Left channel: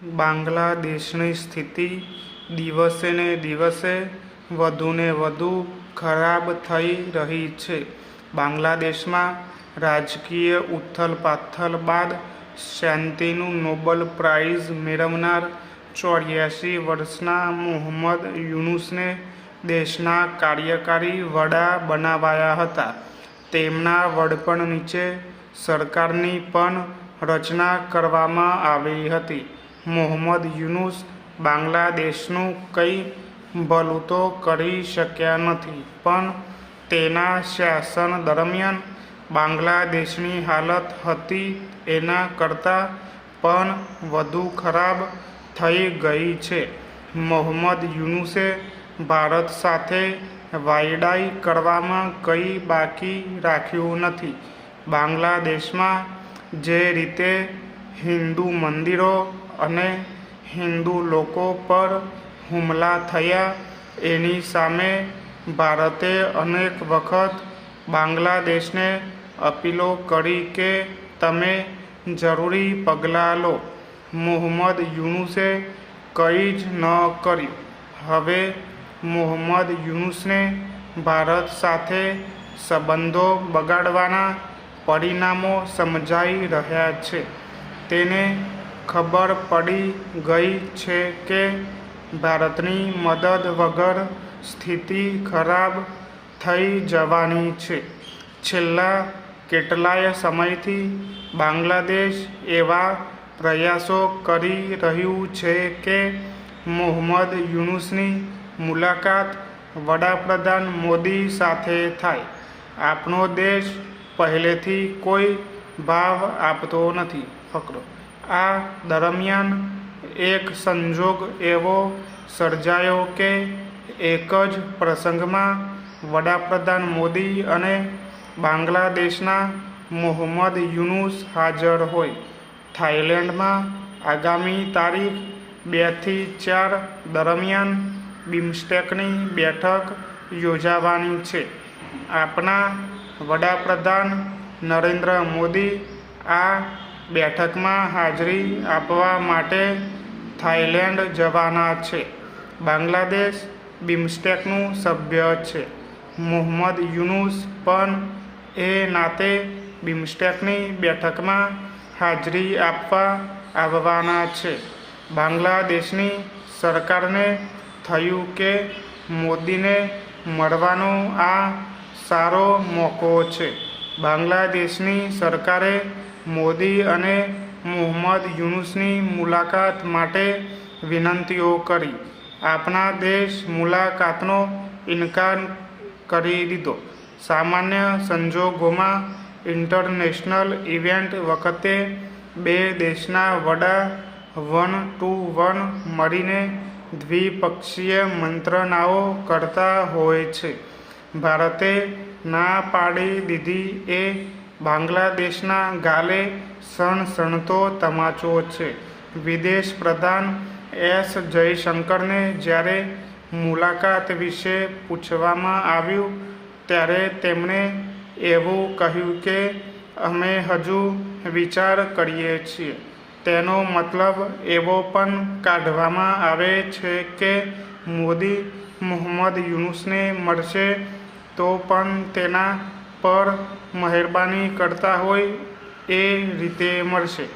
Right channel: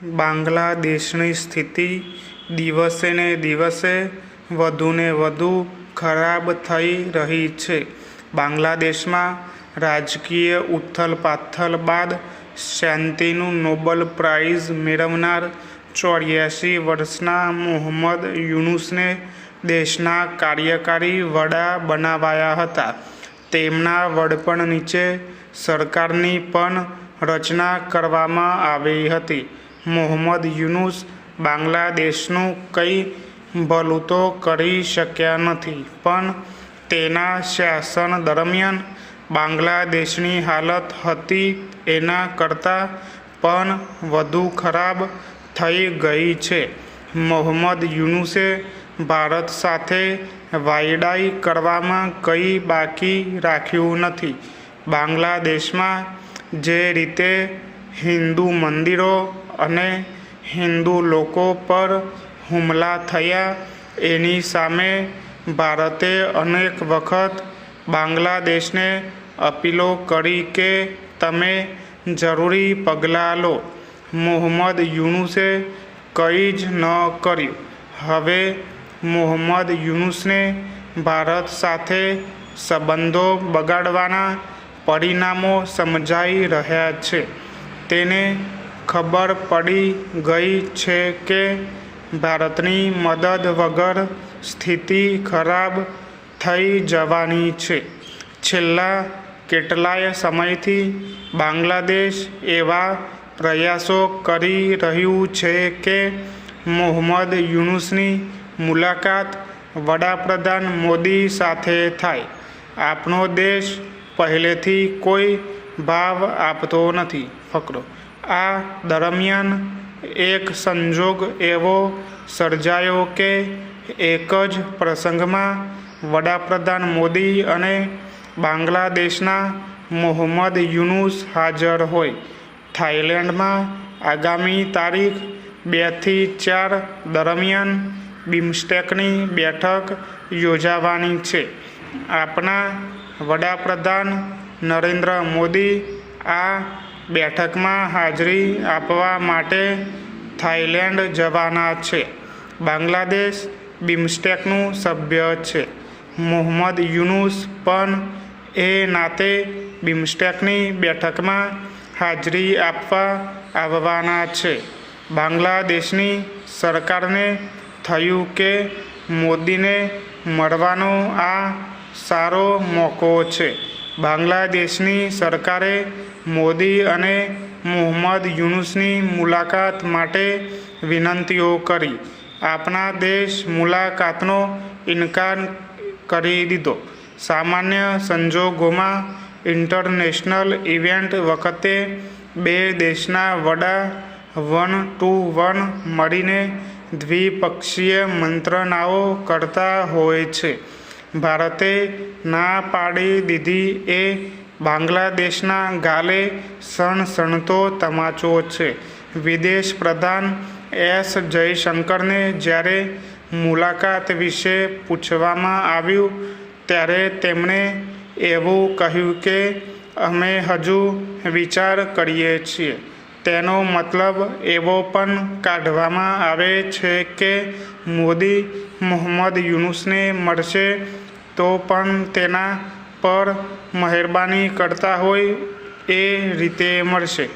બાંગ્લાદેશની સ્થિતિ દિવસે ને દિવસે વધુને વધુ ખરાબ થઈ રહી છે. બાંગ્લાદેશમાં રાજકીય ઉથલપાથલ બાદ શાંતિનું નોબેલ પ્રાઇઝ મેળવનાર 84 વર્ષના મોહમ્મદ યુનુસને દેશના કાર્યકારી વડા બનાવાયા હતા. તેમના વડપણ નીચે સરકારની પણ રચના કરવામાં આવી હતી. મોહમ્મદ યુનુસ બાંગ્લાદેશનું કંઈ ભલું તો કરી શક્યા નથી, પણ તેના શાસન દરમિયાન બાંગ્લાદેશની હાલત હતી એના કરતાં પણ વધુ ખરાબ થઈ ગઈ છે. મોહમ્મદ યુનુસે ભારત સાથે વાયડાઈ કરવામાં કંઈ બાકી રાખ્યું નથી. બાંગ્લાદેશમાં જે રીતે હિન્દુ મંદિરો અને હિન્દુ લોકો પર હુમલા થયા એની સામે ભારતે અનેક વખત બાંગ્લાદેશને અપીલો કરી કે તમે જરૂરી પગલાં લો. મોહમ્મદ યુનુસે કંઈ જ ન કર્યું. હવે મોહમ્મદ યુનુસને ભારત સાથે સંબંધો બગાડવાના પરિણામો સમજાઈ રહ્યા છે. તેને ખબર પડી ગઈ છે કે ભારતની મદદ વગર સ્થિતિ ખરાબ થઈ જવાની છે. છેલ્લા કેટલાય સમયથી બાંગ્લાદેશ એવા પ્રયાસો કરી રહ્યું છે કે મોહમ્મદ યુનુસની મુલાકાત વડાપ્રધાન મોદી સાથે થાય. આપણો દેશ પહેલેથી કોઈ ભાવ આપતો નથી. ફકરો. આ દરમિયાન એક સંજોગ એવો સર્જાયો કે એક જ પ્રસંગમાં વડાપ્રધાન મોદી અને બાંગ્લાદેશના મોહમ્મદ યુનુસ હાજર હોય. થાઈલેન્ડમાં આગામી તારીખ 2 થી 4 દરમિયાન બિમસ્ટેકની બેઠક યોજાવાની છે. આપણા વડાપ્રધાન નરેન્દ્ર મોદી આ બેઠકમાં હાજરી આપવા માટે થાઈલેન્ડ જવાના છે. બાંગ્લાદેશ બિમસ્ટેકનું સભ્ય છે. મોહમ્મદ યુનુસ પણ એ નાતે બિમસ્ટેકની બેઠકમાં હાજરી આપવા આવવાના છે. બાંગ્લાદેશની સરકારને થયું કે મોદીને મળવાનો આ સારો મોકો છે. બાંગ્લાદેશની સરકારે મોદી અને મોહમ્મદ યુનુસની મુલાકાત માટે વિનંતીઓ કરી. આપણા દેશ મુલાકાતનો ઇનકાર કરી દીધો. સામાન્ય સંજોગોમાં ઇન્ટરનેશનલ ઇવેન્ટ વખતે બે દેશના વડા 1-to-1 મળીને દ્વિપક્ષીય મંત્રણાઓ કરતા હોય છે. ભારતે ના પાડી દીધી એ બાંગ્લાદેશના ગાલે સણસણતો તમાચો છે. વિદેશ પ્રધાન એસ જયશંકરને જ્યારે મુલાકાત વિશે પૂછવામાં આવ્યું ત્યારે તેમણે એવું કહ્યું કે અમે હજુ વિચાર કરીએ છીએ. તેનો મતલબ એવો પણ કાઢવામાં આવે છે કે મોદી મોહમ્મદ યુનુસને મળશે તો પણ તેના પર મહેરબાની કરતા હોય એ રીતે મળશે.